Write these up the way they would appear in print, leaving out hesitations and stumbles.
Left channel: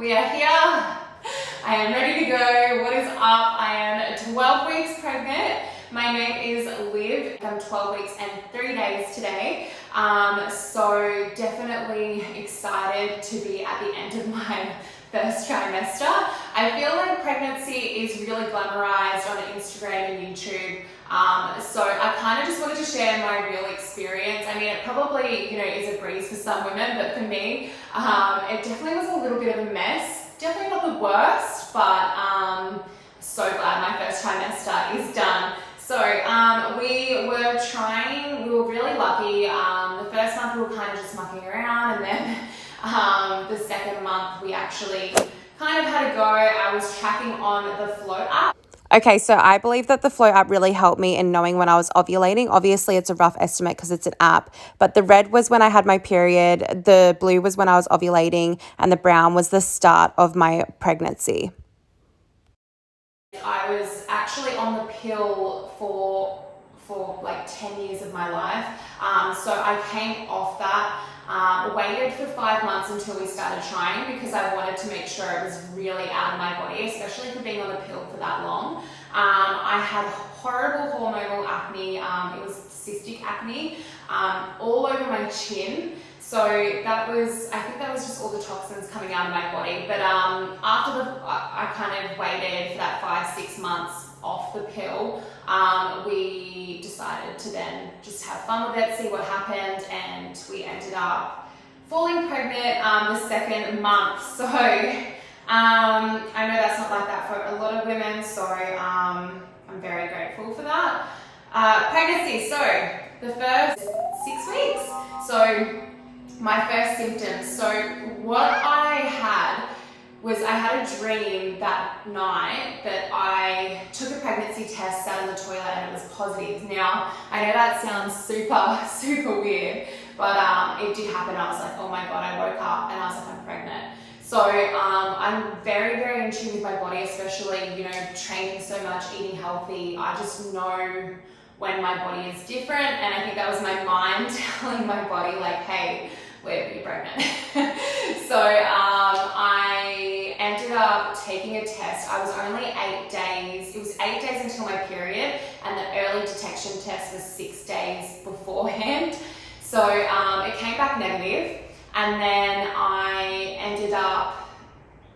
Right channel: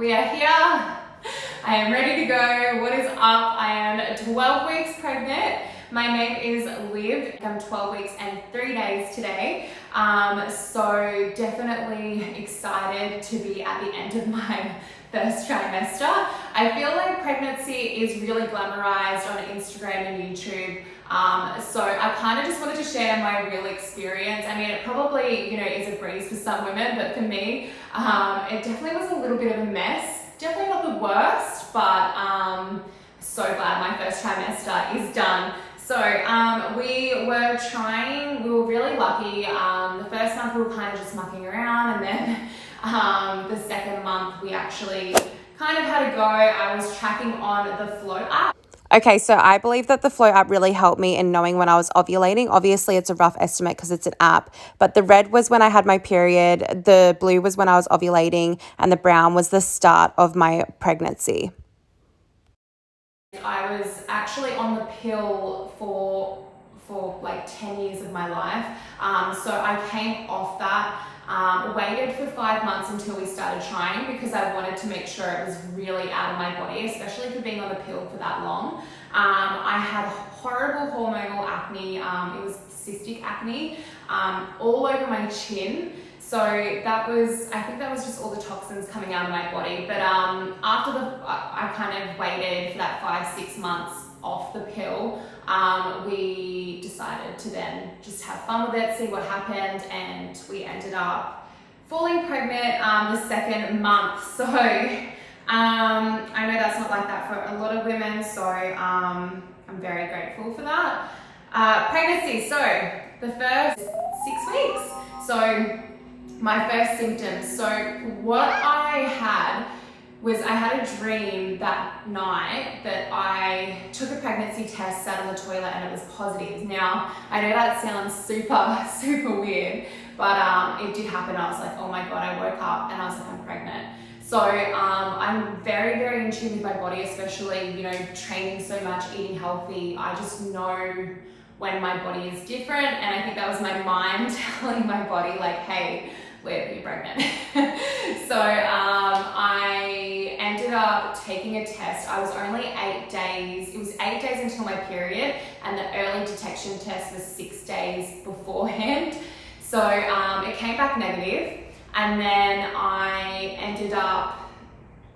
We are here. I am ready to go. What is up? I am 12 weeks pregnant. My name is Liv. I'm 12 weeks and 3 days today. So definitely excited to be at the end of my first trimester. I feel like pregnancy is really glamorized on Instagram and YouTube. So I kind of just wanted to share my real experience. I mean, it probably, is a breeze for some women, but for me, it definitely was a little bit of a mess. Definitely not the worst, but so glad my first trimester is done. So we were really lucky. The first month we were kind of just mucking around, and then the second month we actually kind of had a go. I was tracking on the Flow app. Okay, so I believe that the Flow app really helped me in knowing when I was ovulating. Obviously, it's a rough estimate because it's an app, but the red was when I had my period, the blue was when I was ovulating, and the brown was the start of my pregnancy. I was actually on the pill for like 10 years of my life. So I came off that, waited for 5 months until we started trying because I wanted to make sure it was really out of my body, especially for being on the pill for that long. I had horrible hormonal acne. It was cystic acne all over my chin. So I think that was just all the toxins coming out of my body. But I kind of waited for that 5-6 months off the pill. We decided to then just have fun with it, see what happened, and we ended up falling pregnant the second month. So I know that's not like that for a lot of women, so I'm very grateful for that. Pregnancy, so the first 6 weeks. So my first symptoms. So what I had was I had a dream that night that I took a pregnancy test, sat in the toilet, and it was positive. Now, I know that sounds super, super weird, but it did happen. I was like, oh my God, I woke up and I was like, I'm pregnant. So I'm very, very in tune with my body, especially, training so much, eating healthy. I just know when my body is different, and I think that was my mind telling my body like, hey, you're pregnant. So I ended up taking a test. I was only 8 days. It was 8 days until my period, and the early detection test was 6 days beforehand. So it came back negative, and then I ended up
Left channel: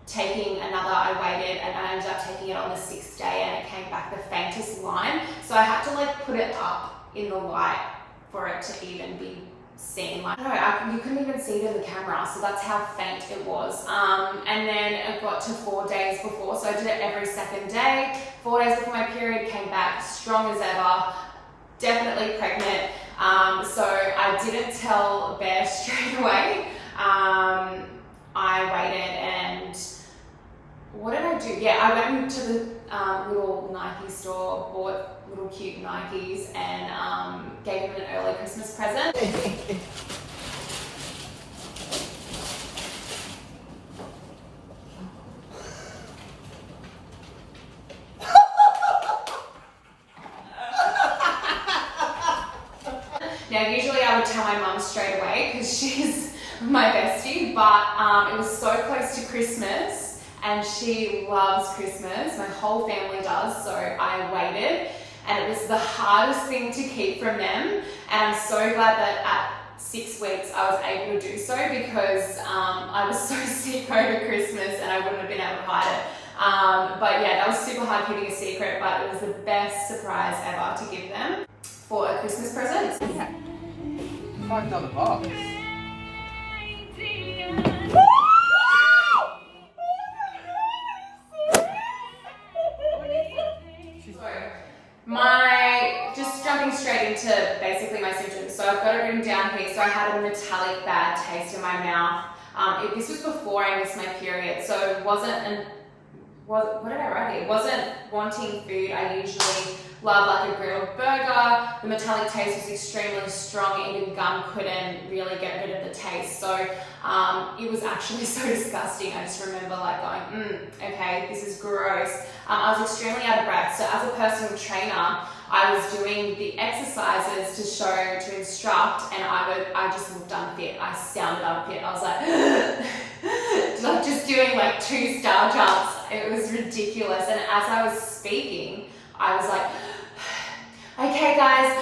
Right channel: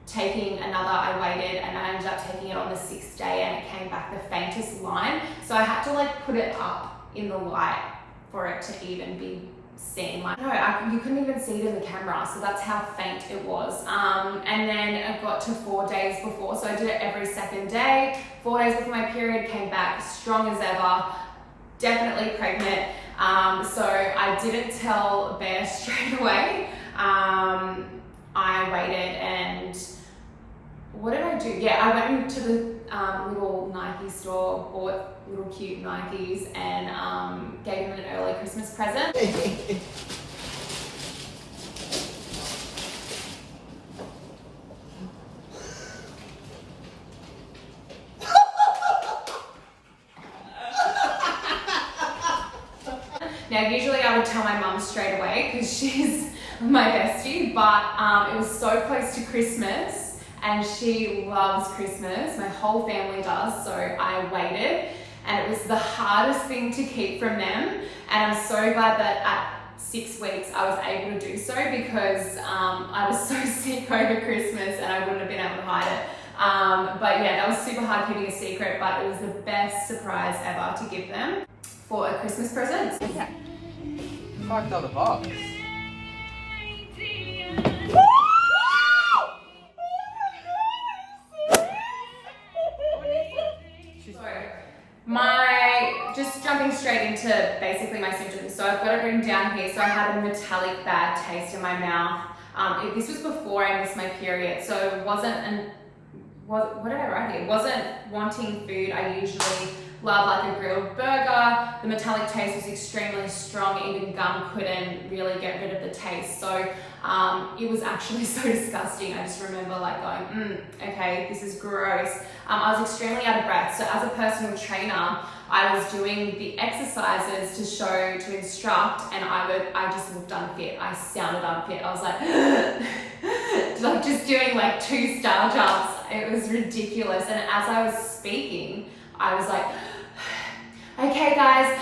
taking another. I waited, and I ended up taking it on the 6th day, and it came back the faintest line. So I had to put it up in the light for it to even be seen. You couldn't even see it in the camera, so that's how faint it was. And then it got to 4 days before, so I did it every second day. 4 days before my period, came back strong as ever, definitely pregnant. So I didn't tell Bear straight away. I waited, and what did I do? Yeah, I went to the little Nike store, bought little cute Nikes, and gave him an early Christmas present. Now, usually I would tell my mum straight away because she's my bestie, but it was so close to Christmas, and she loves Christmas. My whole family does, so I waited, and it was the hardest thing to keep from them. And I'm so glad that at 6 weeks I was able to do so, because I was so sick over Christmas and I wouldn't have been able to hide it. But yeah, that was super hard keeping a secret, but it was the best surprise ever to give them for a Christmas present. Yeah. $5 box. Just jumping straight into basically my symptoms. So I've got it written down here. So I had a metallic bad taste in my mouth. This was before I missed my period, so it wasn't what did I write here? Wasn't wanting food. I usually love like a grilled burger. The metallic taste was extremely strong. Even gum couldn't really get rid of the taste. So it was actually so disgusting. I just remember going, okay, this is gross. I was extremely out of breath. So as a personal trainer, I was doing the exercises to instruct, and I just looked unfit. I sounded unfit. I was like, like just doing like 2 star jumps. It was ridiculous. And as I was speaking, I was like, okay guys.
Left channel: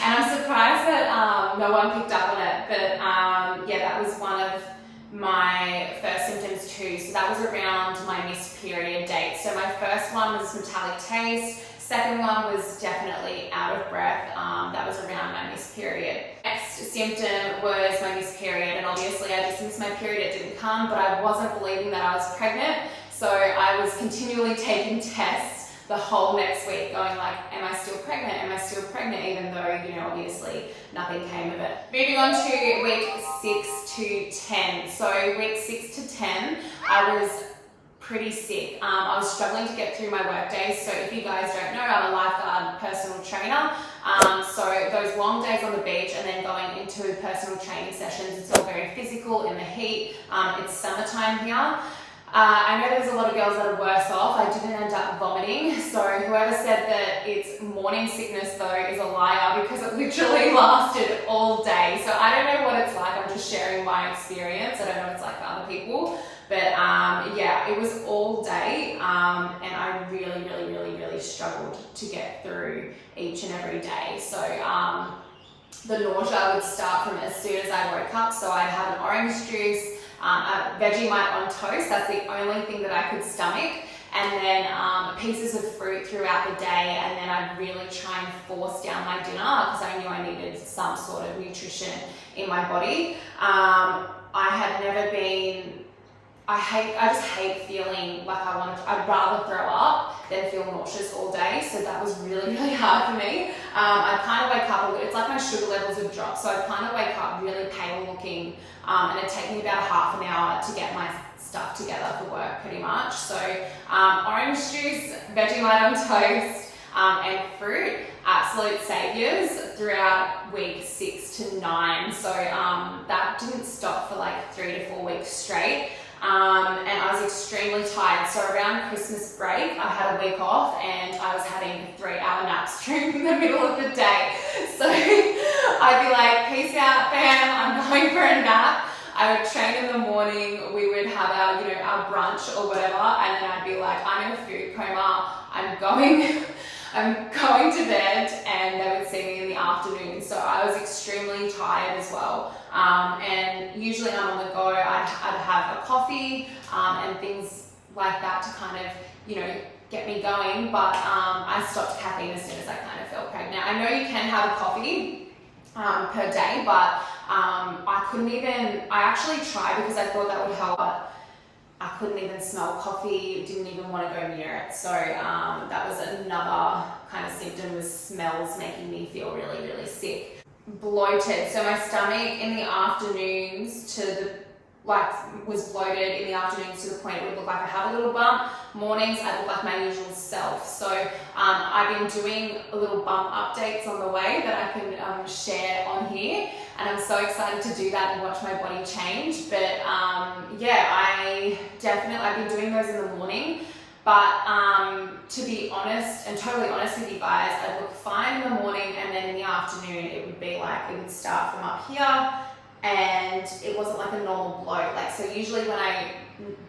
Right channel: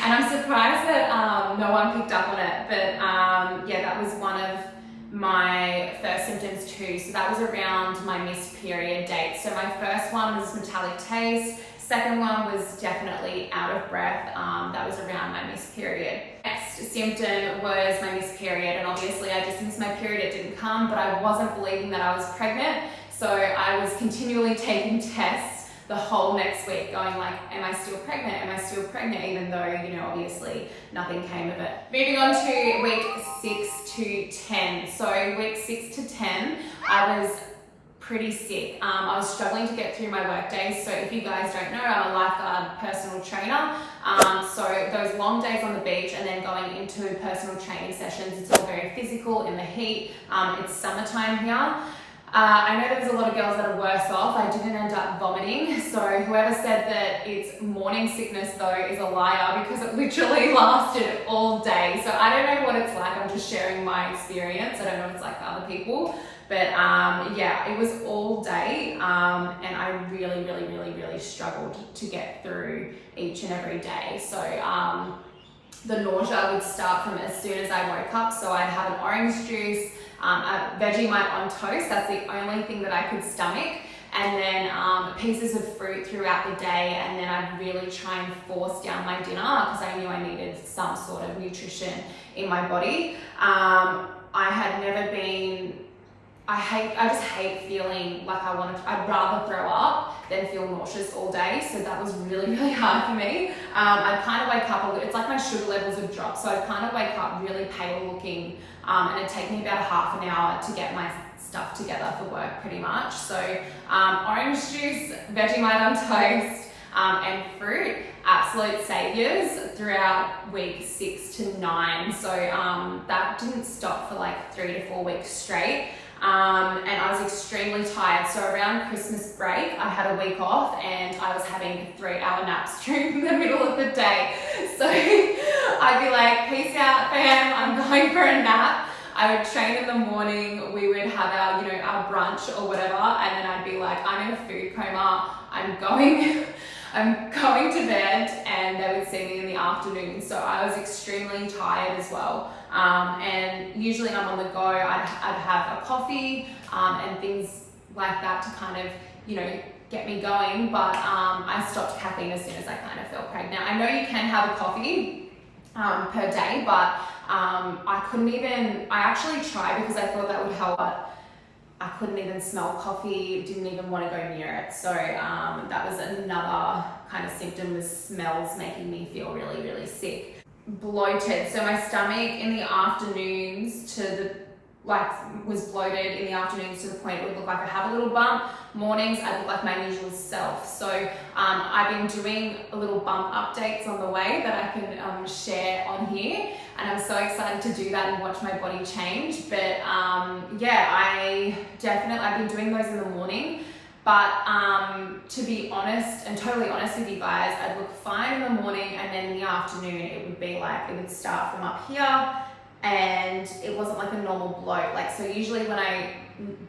And I'm surprised that no one picked up on it. But yeah, that was one of my first symptoms too. So that was around my missed period date. So my first one was metallic taste. Second one was definitely out of breath. That was around my missed period. Next symptom was my missed period, and obviously I just missed my period, it didn't come, but I wasn't believing that I was pregnant. So I was continually taking tests the whole next week going like, am I still pregnant? Am I still pregnant? Even though, you know, obviously nothing came of it. Moving on to week 6 to 10. So week 6 to 10, I was pretty sick. I was struggling to get through my work days. So if you guys don't know, I'm a lifeguard personal trainer. So those long days on the beach and then going into personal training sessions, it's all very physical in the heat. It's summertime here. I know there's a lot of girls that are worse off. I didn't end up vomiting. So whoever said that it's morning sickness though is a liar, because it literally lasted all day. So I don't know what it's like. I'm just sharing my experience. I don't know what it's like for other people. But yeah, it was all day, and I really struggled to get through each and every day. So the nausea would start from as soon as I woke up. So I'd have an orange juice, a Vegemite on toast. That's the only thing that I could stomach. And then pieces of fruit throughout the day. And then I'd really try and force down my dinner because I knew I needed some sort of nutrition in my body. I had never been... I just hate feeling like I'd rather throw up than feel nauseous all day. So that was really hard for me. I'd kind of wake up, it's like my sugar levels would drop. So I'd kind of wake up really pale looking, and it'd take me about half an hour to get my stuff together for work pretty much. So orange juice, Vegemite on toast, and fruit, absolute saviors throughout week 6 to 9. So that didn't stop for like 3 to 4 weeks straight. And I was extremely tired. So around Christmas break, I had a week off and I was having 3-hour naps during the middle of the day. So I'd be like, peace out fam, I'm going for a nap. I would train in the morning, we would have our, you know, our brunch or whatever, and then I'd be like, I'm in a food coma, I'm going to bed, and they would see me in the afternoon. So I was extremely tired as well. And usually I'm on the go, I'd have a coffee and things like that to kind of, you know, get me going. But I stopped caffeine as soon as I kind of felt pregnant. I know you can have a coffee per day, but I couldn't even, I actually tried because I thought that would help, but I couldn't even smell coffee, didn't even want to go near it. So that was another kind of symptom, was smells making me feel really sick. Bloated. So my stomach in the afternoons was bloated in the afternoons to the point it would look like I have a little bump. Mornings I look like my usual self. So I've been doing a little bump updates on the way that I can share on here, and I'm so excited to do that and watch my body change. But yeah, I've been doing those in the morning. But to be honest, and totally honest with you guys, I'd look fine in the morning, and then in the afternoon it would be like, it would start from up here, and it wasn't like a normal bloat. Like, so usually when I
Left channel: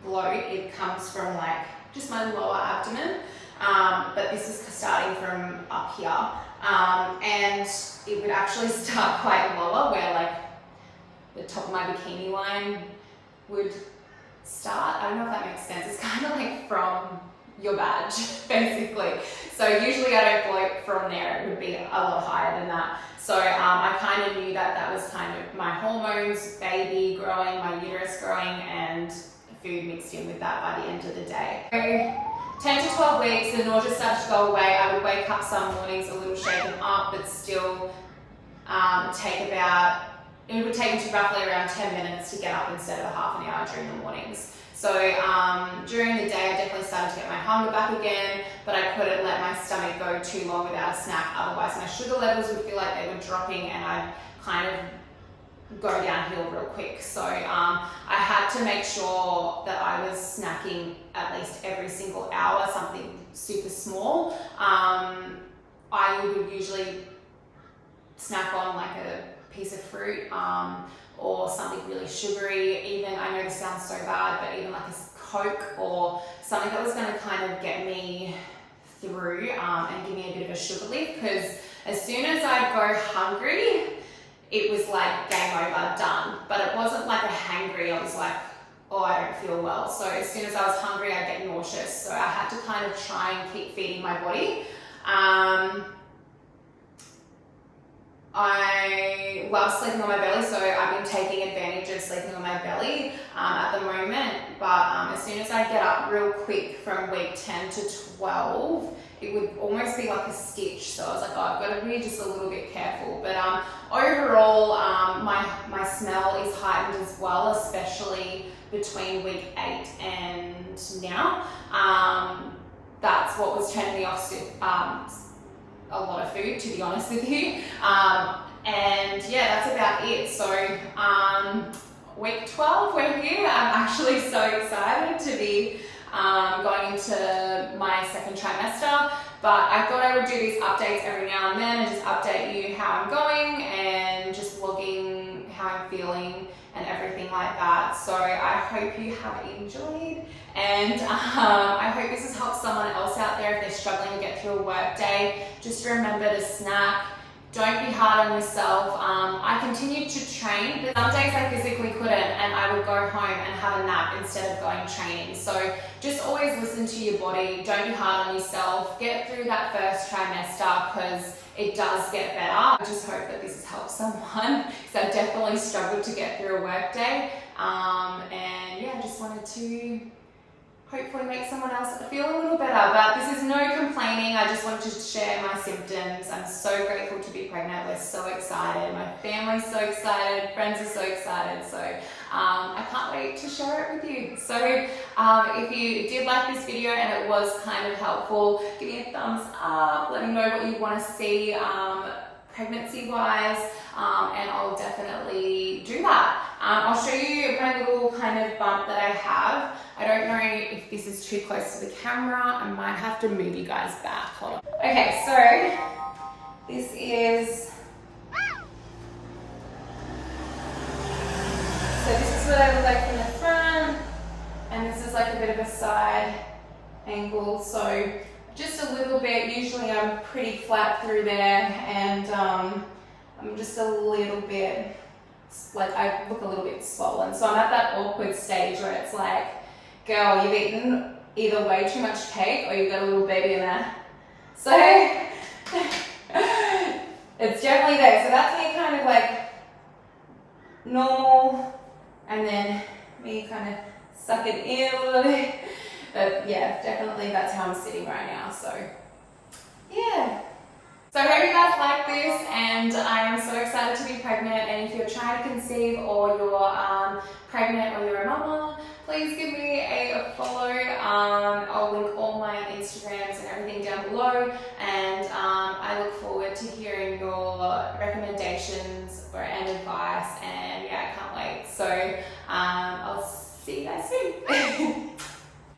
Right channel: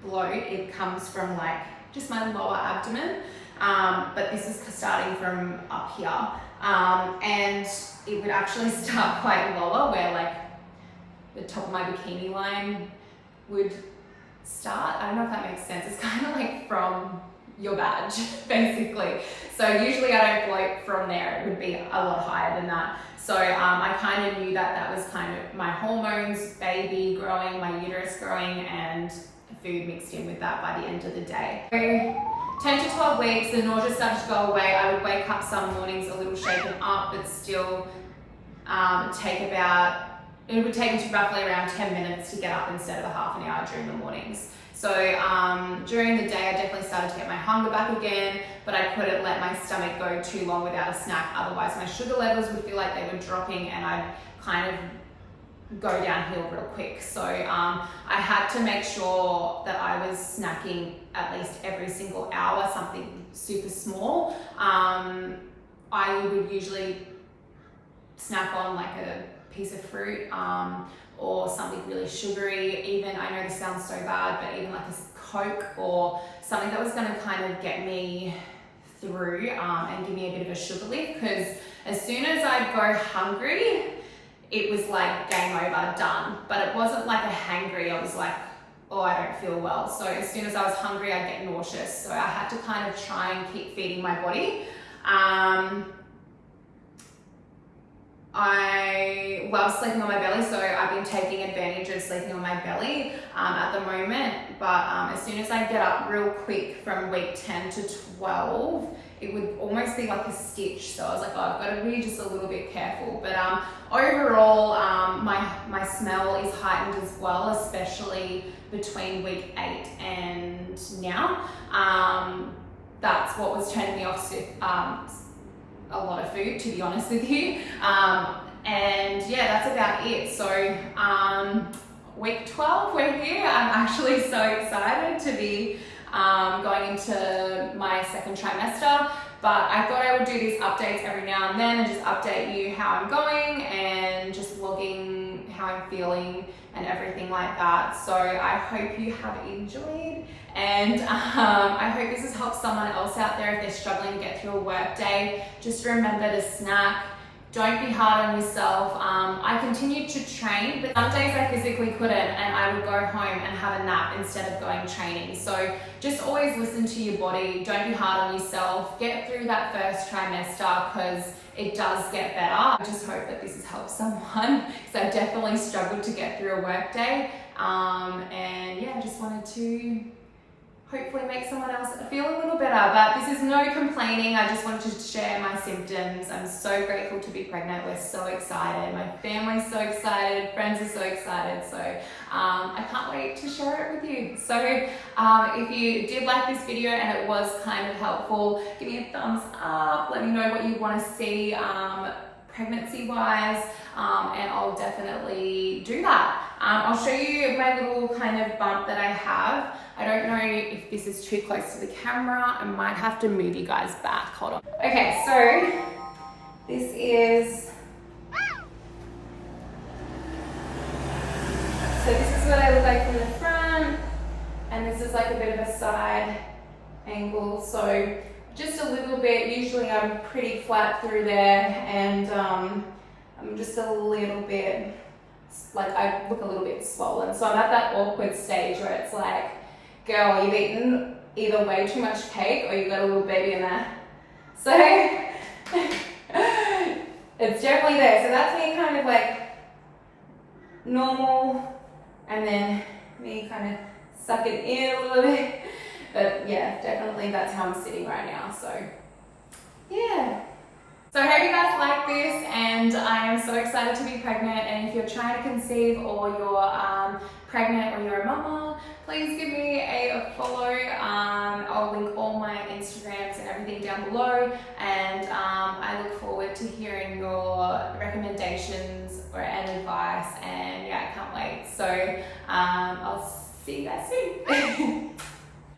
bloat, it comes from like just my lower abdomen, but this is starting from up here, and it would actually start quite lower, where like the top of my bikini line would start. I don't know if that makes sense. It's kind of like from your badge, basically. So usually I don't bloat from there. It would be a lot higher than that. So I kind of knew that that was kind of my hormones, baby growing, my uterus growing, and food mixed in with that by the end of the day. So 10 to 12 weeks, the nausea started to go away. I would wake up some mornings a little shaken up, but still it would take me to roughly around 10 minutes to get up instead of a half an hour during the mornings. So during the day, I definitely started to get my hunger back again, but I couldn't let my stomach go too long without a snack. Otherwise, my sugar levels would feel like they were dropping and I'd kind of go downhill real quick. So I had to make sure that I was snacking at least every single hour, something super small. I would usually snack on like a piece of fruit, or something really sugary. Even, I know this sounds so bad, but even like a Coke or something that was going to kind of get me through and give me a bit of a sugar lift, because as soon as I'd go hungry, it was like game over, done. But it wasn't like a hangry. I was like, oh, I don't feel well. So as soon as I was hungry, I'd get nauseous. So I had to kind of try and keep feeding my body. I love sleeping on my belly, so I've been taking advantage of sleeping on my belly at the moment. But as soon as I get up real quick from week 10 to 12, it would almost be like a stitch. So I was like, oh, I've got to be just a little bit careful. But overall, my smell is heightened as well, especially between week 8 and now. That's what was turning me off a lot of food, to be honest with you. And yeah, that's about it. So week 12, we're here. I'm actually so excited to be going into my second trimester, but I thought I would do these updates every now and then and just update you how I'm going and just logging how I'm feeling and everything like that. So I hope you have enjoyed, and I hope this has helped someone else out there if they're struggling to get through a work day. Just remember to snack. Don't be hard on yourself. I continued to train, but some days I physically couldn't, and I would go home and have a nap instead of going training. So just always listen to your body. Don't be hard on yourself. Get through that first trimester, because it does get better. I just hope that this has helped someone, because I definitely struggled to get through a work day. And yeah, I just wanted to hopefully make someone else feel a little better. But this is no complaining. I just wanted to share my symptoms. I'm so grateful to be pregnant. We're so excited. My family's so excited. Friends are so excited. So I can't wait to share it with you. So if you did like this video and it was kind of helpful, give me a thumbs up. Let me know what you want to see pregnancy wise, and I'll definitely do that. I'll show you my little kind of bump that I have. I don't know if this is too close to the camera. I might have to move you guys back. Hold on. Okay, so this is what I look like from the front, and this is like a bit of a side angle. So just a little bit. Usually I'm pretty flat through there, and I'm just a little bit, like I look a little bit swollen. So I'm at that awkward stage where it's like, girl, you've eaten either way too much cake or you've got a little baby in there. So it's definitely there. So that's me kind of like normal, and then me kind of suck it in a little bit. But yeah, definitely that's how I'm sitting right now. So yeah. So I hope you guys like this, and I am so excited to be pregnant. And if you're trying to conceive, or you're pregnant, or you're a mama, please give me a follow. I'll link all my Instagrams and everything down below, and I look forward to hearing your recommendations and advice, and yeah, I can't wait. So I'll see you guys soon.